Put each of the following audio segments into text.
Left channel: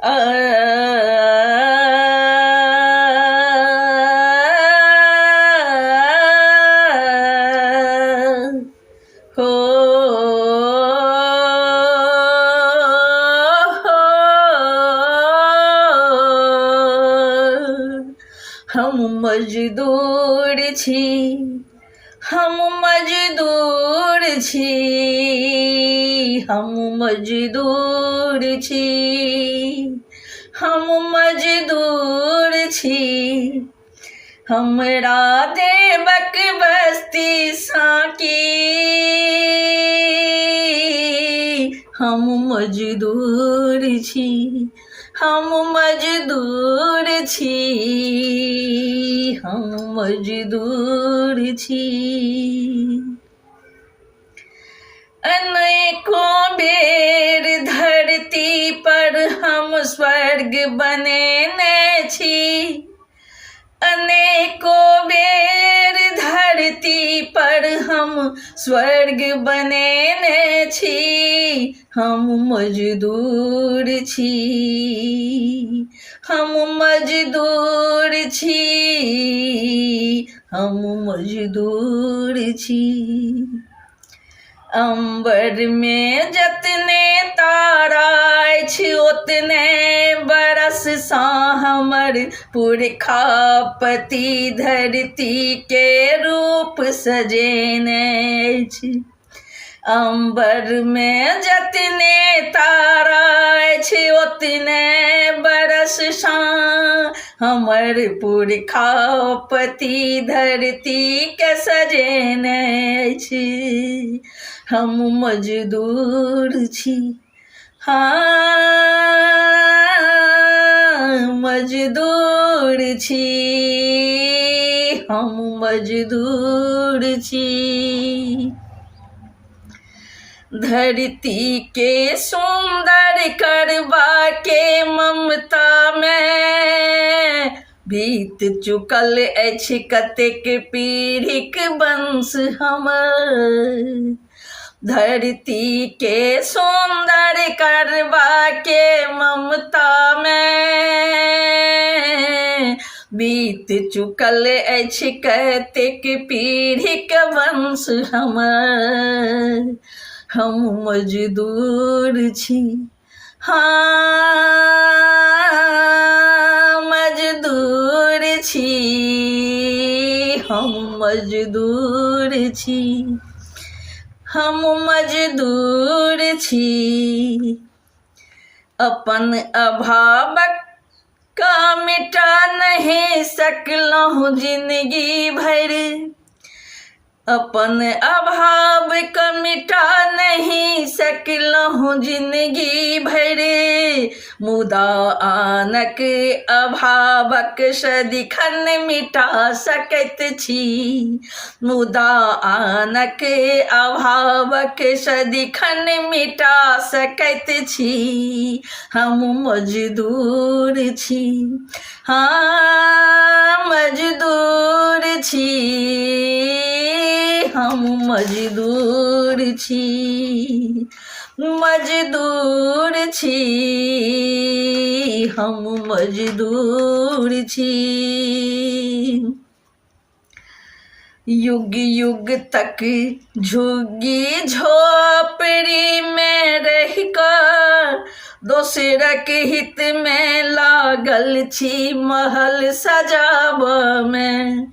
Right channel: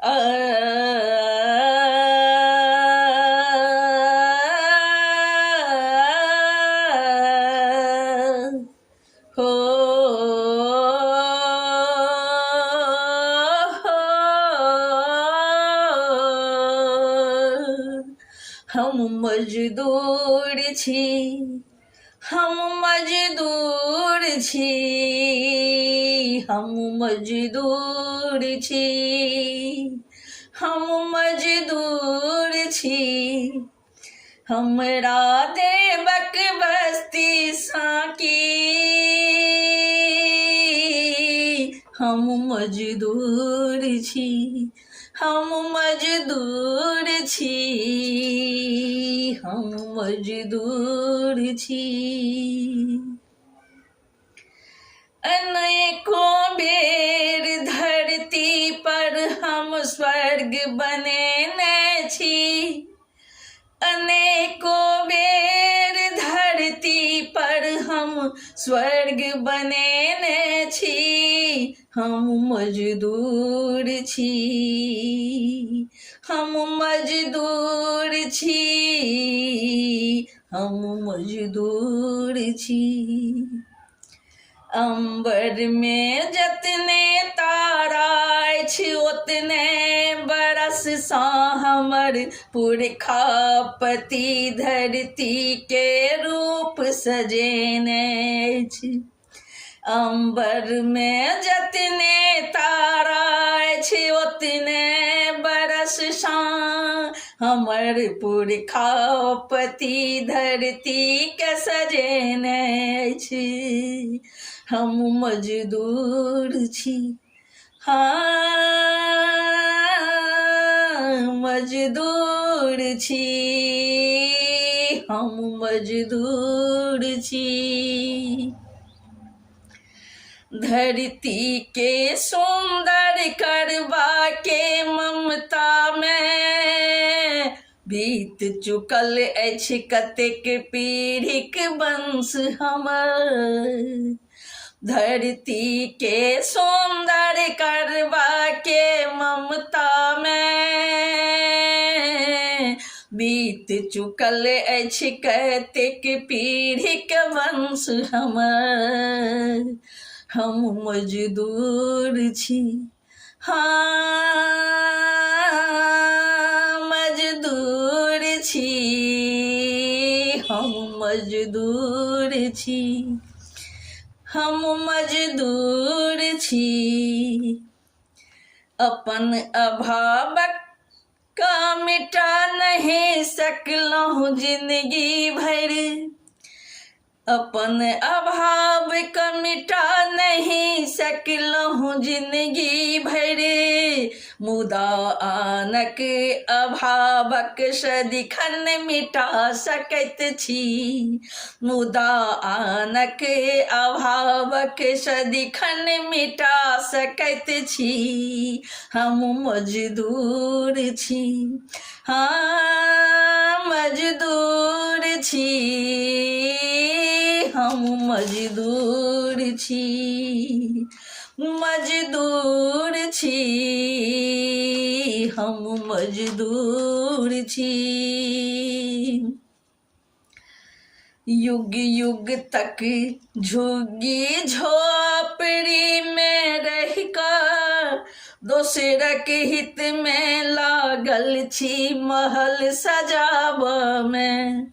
आ, हो हम मजदूर छी, हम मजदूर छी, हम मजदूर छी, हम मजदूर छी। हमरा देबक बस्ती साकी, हम मजदूर छी, हम मजदूर छी, हम मजदूर छी। अनेकों बेर धरती पर हम स्वर्ग बनेने छी, अनेकों बेर धरती पर हम स्वर्ग बनेने छी। हम मजदूर छी, हम मजदूर छी, हम मजदूर छी। अंबर में जतने तारा अछि ओतने बरस सा हमर पुरखा पति धरती के रूप सजेने अछि। अंबर में जतने तारा अछि ओतने बरस सा हमर पुरखा पति धरती के सजेने अछि। हम मजदूर छी, हाँ मजदूर छी, हम मजदूर छी। धरती के सुंदर करबा के ममता में बीत चुकल अछि कतेक पीढ़ीक वंश हमर। धरती के सुंदर करबा के ममता में बीत चुकल अछि कतेक पीढ़ीक वंश हमर। हम मजदूर छी, हाँ मजदूर छी, हम मजदूर छी, हम मजदूर छी। अपन अभावक का मिटा नहीं सकलहुँ जिंदगी भर, अपन अभाव का मिटा नहीं सकलहुँ जिंदगी भर। मुदा आनक अभावक सदिखन मिटा सकैत छी, मुदा आनक अभावक सदिखन मिटा सकैत छी। हम मजदूर छी, हाँ मजदूर छी, हम मजदूर छी, मजदूर छी, हम मजदूर छी। युग युग तक झुग्गी झोपड़ी में रहिकर दोसरक हित में लागल छी महल सजाब में।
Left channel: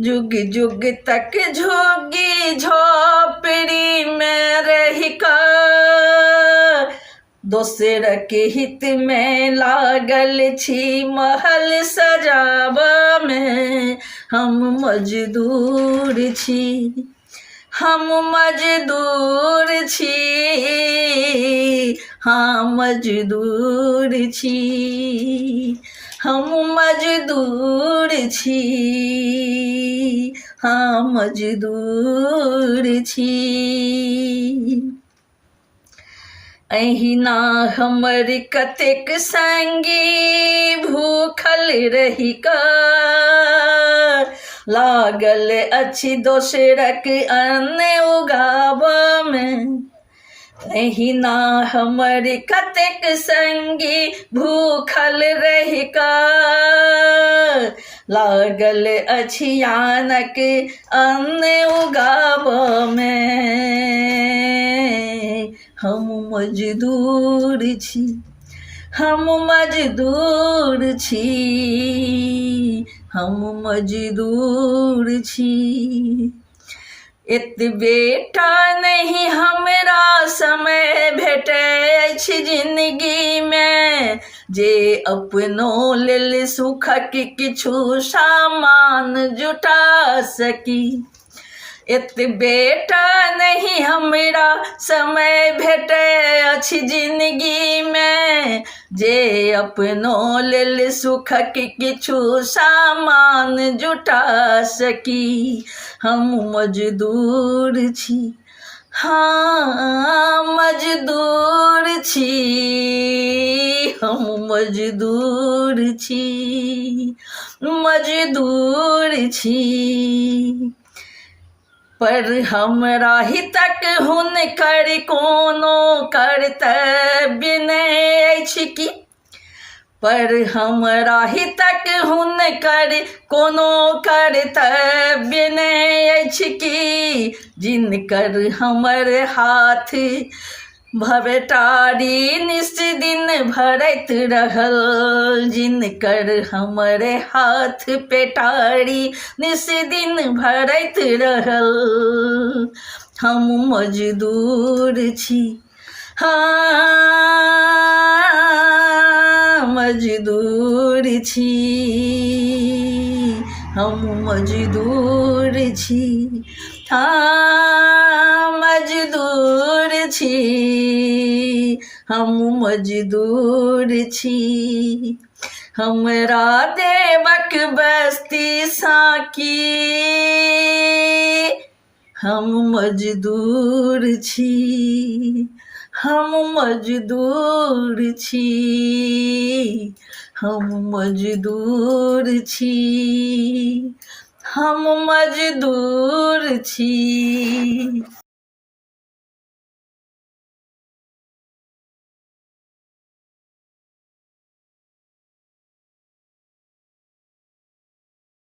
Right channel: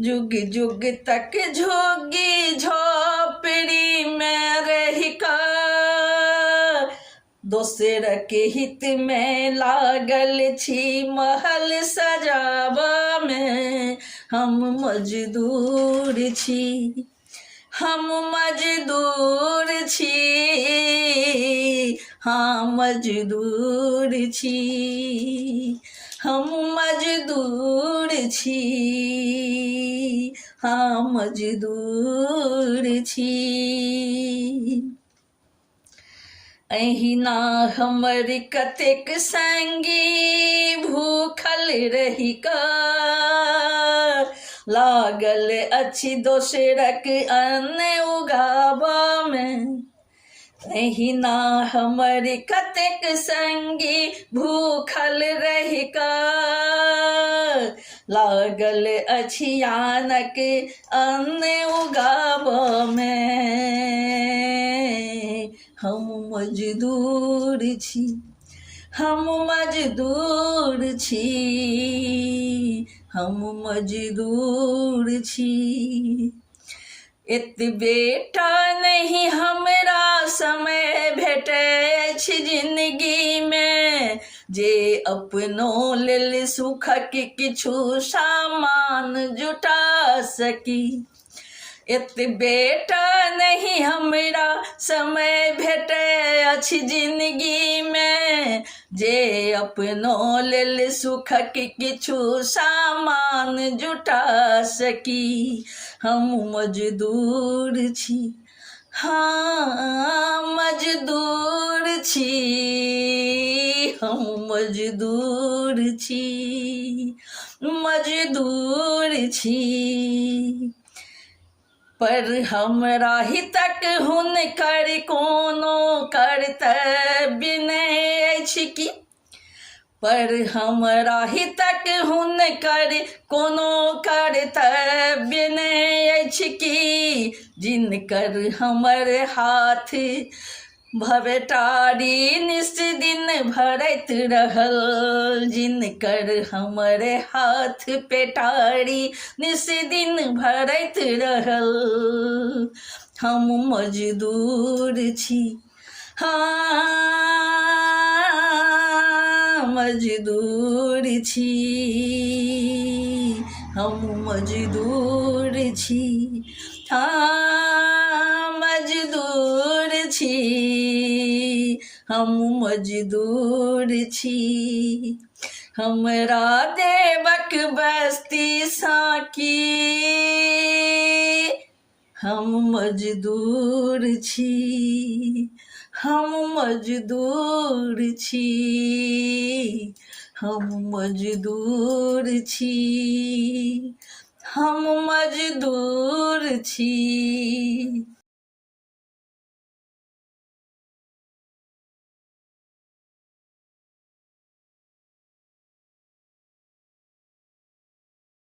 जुग जुग तक झुग्गी झोपड़ी में रहिकर दोसरक हित में लागल छी महल सजाब में। हम मजदूर छी, हम मजदूर छी, हाँ मजदूर छी, हम मजदूर छी, हाँ मजदूर छी। अहिना हमर कतेक संगी भूखल रहि कऽ लागल अछि दोसरक अन्न उगाबऽ में। एहिना हमर कतेक संगी भूखल रहि कऽ लागल अछि यानक अन्न उगाबऽमे। हम मजदूर छी, हम मजदूर छी, हम मजदूर छी। एतबेटा नहीं हमरा समय भेटै अछि जिंदगीमे जे अपनो लेल सुखक किछु सामान जुटा सकी। एतबेटा नहीं हमरा समय भेटै अछि जिंदगीमे जे अपनो लेल सुखक किछु सामान जुटा सकी। हम मजदूर छी, हाँ मजदूर छी, हम मजदूर छी, मजदूर छी। पर हमरा हितक हुनकर कोनो कर्तव्य नहि अछि की। पर हमरा हितक हुनकर कोनो कर्तव्य नहि अछि की। जिनकर हमर हाथ भवटारी निस दिन भरैत रहल, जिनकर हमर हाथ पेटारी निस दिन भरैत रहल। हम मजदूर छी, हाँ मजदूर छी, हम मजदूर छी, हाँ मजदूर छी, हम मजदूर छी। हमरा देवक बस्ती साकी, हम मजदूर छी, हम मजदूर छी, हम मजदूर छी, हम मजदूर छी।